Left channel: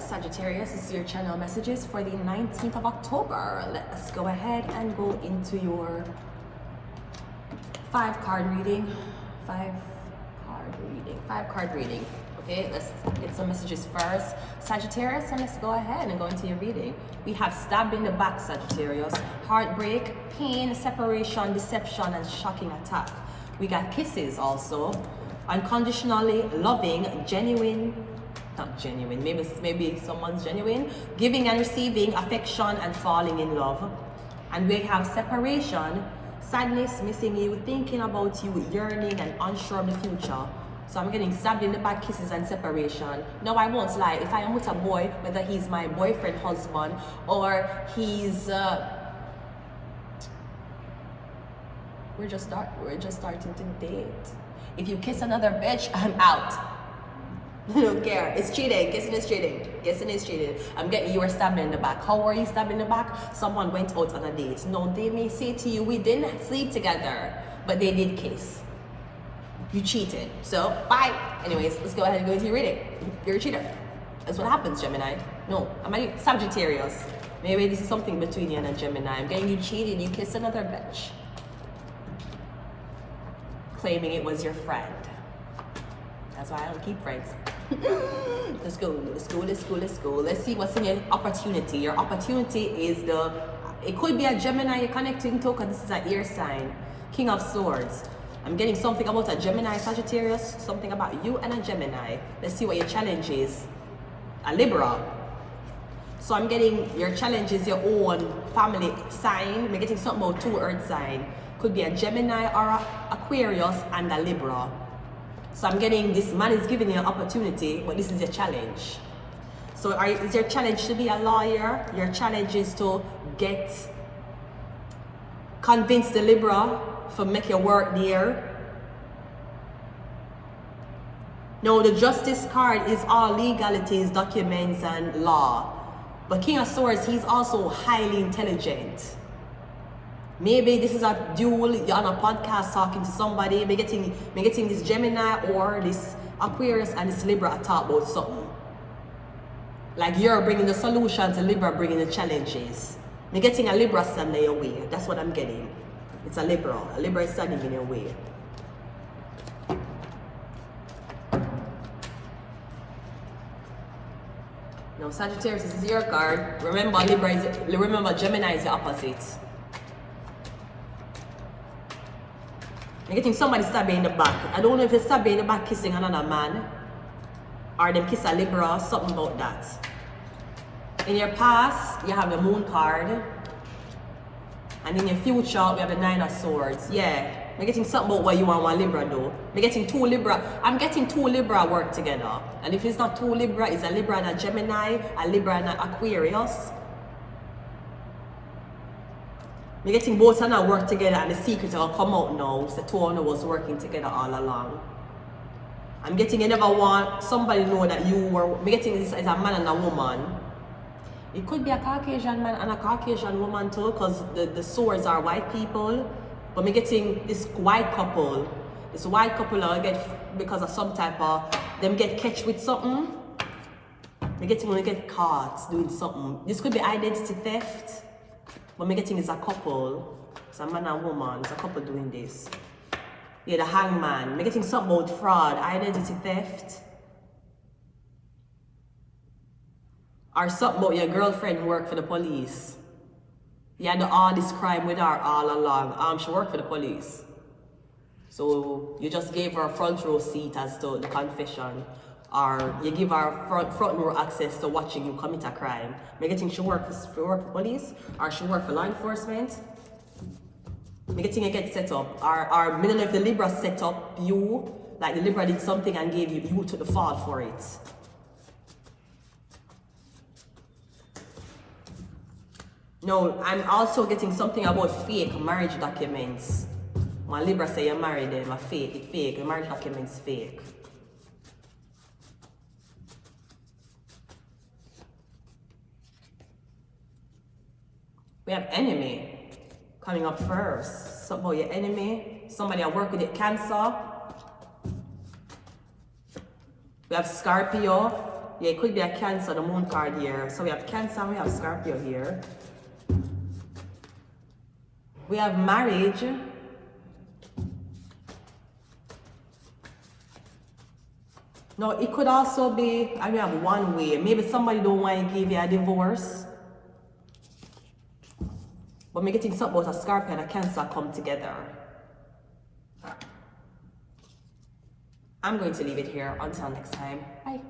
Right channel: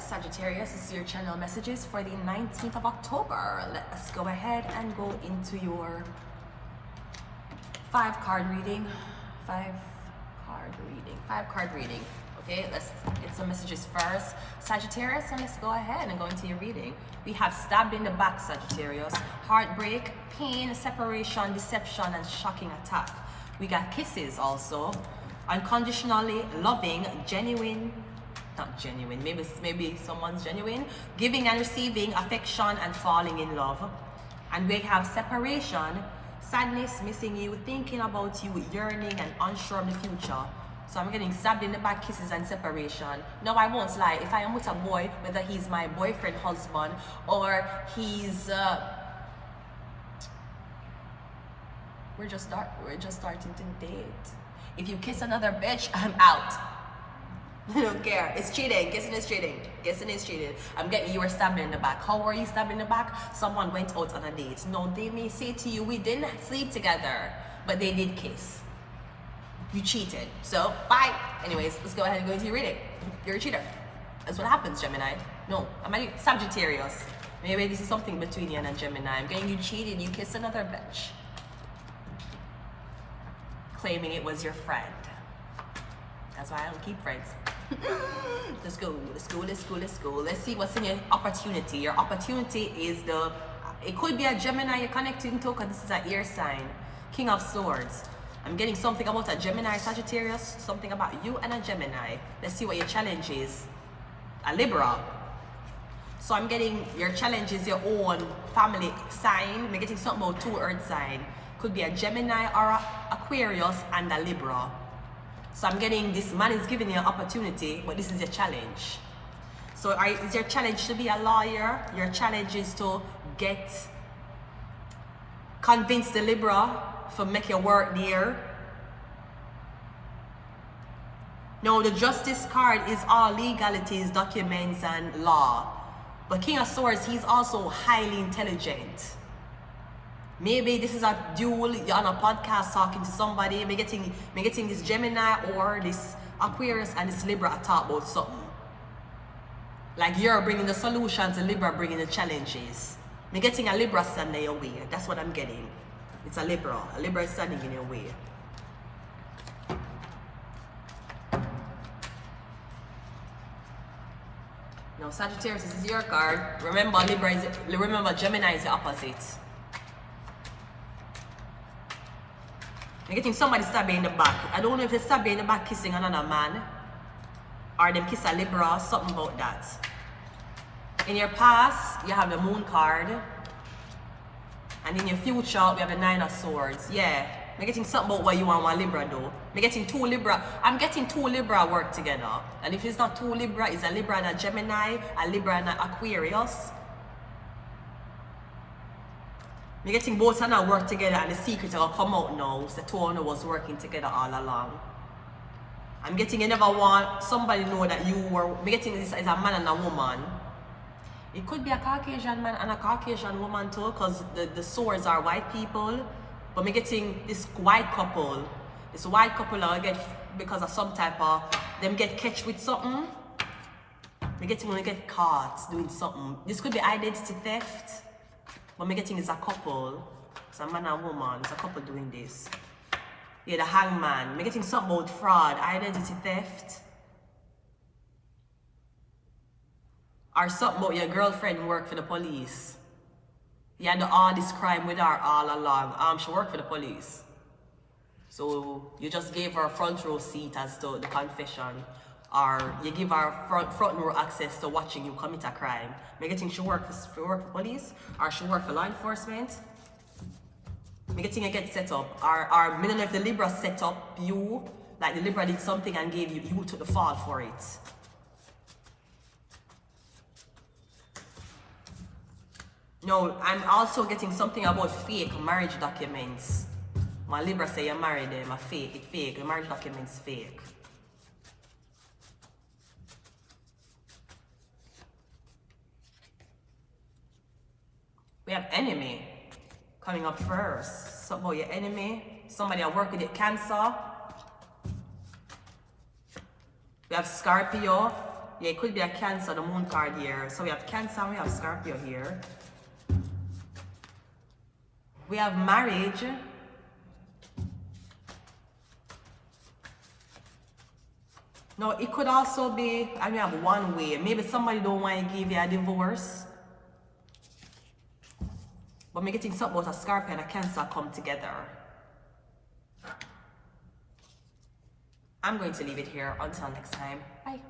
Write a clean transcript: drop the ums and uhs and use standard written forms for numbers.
Sagittarius, this is your channel messages for the 19th of October. Let's go ahead and go into your five card reading. Okay, let's get some messages first, Sagittarius, and let's go ahead and go into your reading. We have stabbed in the back, Sagittarius, heartbreak, pain, separation, deception, and shocking attack. We got kisses also, unconditionally loving, maybe someone's genuine, giving and receiving affection and falling in love. And we have separation, sadness, missing you, thinking about you, yearning and unsure of the future. So I'm getting stabbed in the back, kisses and separation. No, I won't lie. If I am with a boy, whether he's my boyfriend, husband, or he's we're just starting to date. If you kiss another bitch, I'm out. I don't care. It's cheating. Kissing is cheating. You were stabbed in the back. How were you stabbed in the back? Someone went out on a date. No, they may say to you, we didn't sleep together, but they did kiss. You cheated. So, bye. Anyways, let's go ahead and go into your reading. You're a cheater. That's what happens, Gemini. No, I'm a Sagittarius. Maybe this is something between you and a Gemini. I'm getting you cheated. You kissed another bitch, claiming it was your friend. That's why I don't keep friends. Let's go. Let's see what's in your opportunity. Your opportunity is it could be a Gemini you're connecting to, because this is an air sign. King of Swords. I'm getting something about a Gemini, Sagittarius, something about you and a Gemini. Let's see what your challenge is. A Libra. So I'm getting your challenge is your own family sign. I'm getting something about two earth sign. Could be a Gemini or a Aquarius and a Libra. So I'm getting this man is giving you an opportunity, but this is your challenge. So is your challenge to be a lawyer? Your challenge is to convince the Libra to make your work there. No, the Justice card is all legalities, documents, and law. But King of Swords, he's also highly intelligent. Maybe this is a duel, you're on a podcast talking to somebody, me getting this Gemini or this Aquarius and this Libra to talk about something. Like you're bringing the solutions and Libra bringing the challenges. Me getting a Libra standing in your way. That's what I'm getting. It's a Libra. A Libra is standing in your way. Now Sagittarius, this is your card. Remember Gemini is the opposite. I'm getting somebody stabbing in the back. I don't know if they're stabbing in the back kissing another man, or them kiss a Libra, something about that. In your past, you have the Moon card. And in your future, we have the Nine of Swords. Yeah, I'm getting something about what you want one Libra though. I'm getting two Libra work together. And if it's not two Libra, it's a Libra and a Gemini, a Libra and an Aquarius. I'm getting both of them work together, and the secret will come out now. So the two of them was working together all along. I'm getting you never want somebody know that you were. I'm getting this as a man and a woman. It could be a Caucasian man and a Caucasian woman too, because the swords are white people. But I'm getting this white couple. This white couple I get because of some type of them get catch with something. I'm getting when they get caught doing something. This could be identity theft. But I'm getting is a couple. It's a man and woman. It's a couple doing this. Yeah, the hangman. I'm getting something about fraud, identity theft. Or something about your girlfriend work for the police. You had all this crime with her all along. She worked for the police. So you just gave her a front row seat as to the confession. Or you give her front row access to watching you commit a crime. I'm getting she work for police, or she work for law enforcement. I'm getting you get set up. Or I don't know if the Libra set up you, like the Libra did something and gave you took the fall for it. No, I'm also getting something about fake marriage documents. When Libra say you're married, them, it's fake. The marriage documents fake. We have enemy coming up first. Something about your enemy. Somebody I work with Cancer. We have Scorpio. Yeah, it could be a Cancer, the moon card here. So we have Cancer and we have Scorpio here. We have marriage. No, it could also be, I mean, have one way. Maybe somebody don't want to give you a divorce. But me getting something about a Scorpio and a Cancer come together. I'm going to leave it here. Until next time. Bye.